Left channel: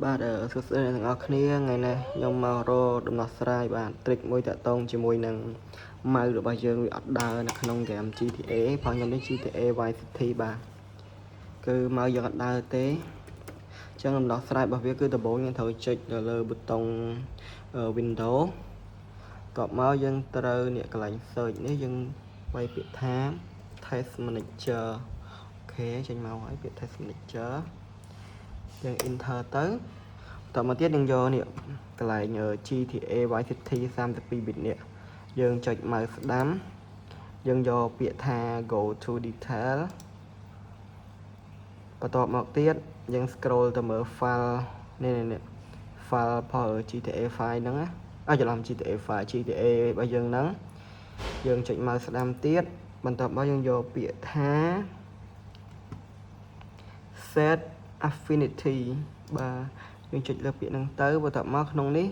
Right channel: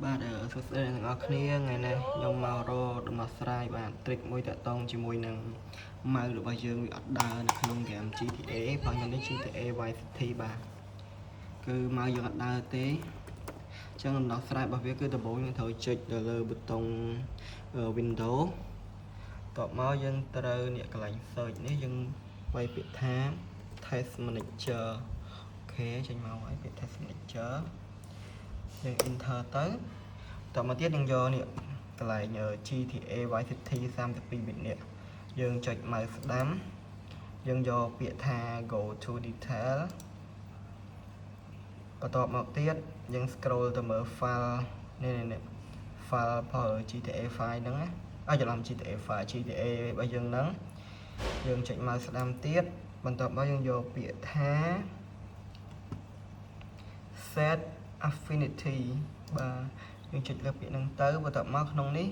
បាទសួស្តីអ្នកទាំងអស់គ្នាថ្ងៃនេះខ្ញុំមករកដំណោះស្រាយបាទ trick មួយតាក់ទងជាមួយនឹងម៉ៅរបស់យើងវាអត់ដើរនៅក្នុង game GTA ព្រោះខ្ញុំនេះ GTA Vice City បាទគឺម៉ៅយើងអត់ដើរទេអញ្ចឹងដំណោះស្រាយរបស់វាគឺដំបូងយើងត្រូវចុចទៅលើប៊ូតុង Window តបមកយើងត្រូវនេះកន្លែង search នេះយើងវាយពាក្យថា Test Manager អូខេចេញមកហើយពាក្យ Test Manager យើង enter ទៅតមកទៀតយើងយកនេះកន្លែង GTA Vice City 32 bit នេះយើងចុច mouse ស្ដាំយើងយកពាក្យថា go to detail បន្ទាប់មកទៀតយើង scroll ទៅមើល file នេះ file ផល GTA file ហ្នឹងណាច្រឡំ GTA file GTA របស់យើងហ្នឹងយើងចុច mouse ស្ដាំទៀតបន្ទាប់មកយើងយកពាក្យថា set affinity បាទយើងចុចលើពាក្យហ្នឹងទៅបន្ទាប់មកក្នុងនេះ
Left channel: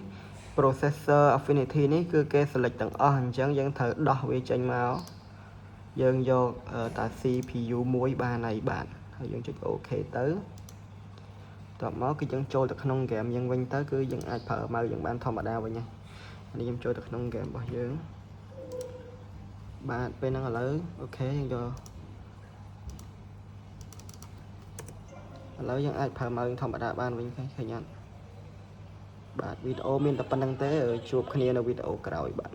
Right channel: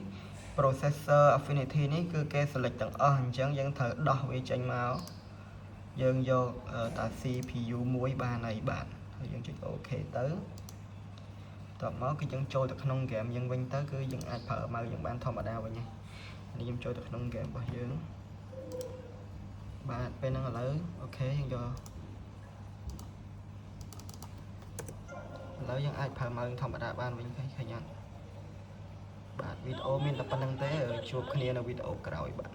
processor affinity នេះគឺគេ select ទាំងអស់អញ្ចឹងយើងត្រូវដោះវាចេញមកយើងយកតា CPU មួយបានហើយបាទហើយយើងចុច OK ទៅបន្ទាប់មកគឺយើងចូលទៅក្នុង game យើងវិញទៅគឺយើងអាចប្រើម៉ៅយើងបានធម្មតាវិញហើយនេះខ្ញុំចូលទៅក្នុង game របស់យើងបាទពេលហ្នឹងឥឡូវអូខេយើងយកឥឡូវយើងអាចប្រើម៉ៅធម្មតាបានវិញឃើញអត់បាទវីដេអូមានតែប៉ុណ្្នឹងទេជួបគ្នានៅវីដេអូក្រោយបាទ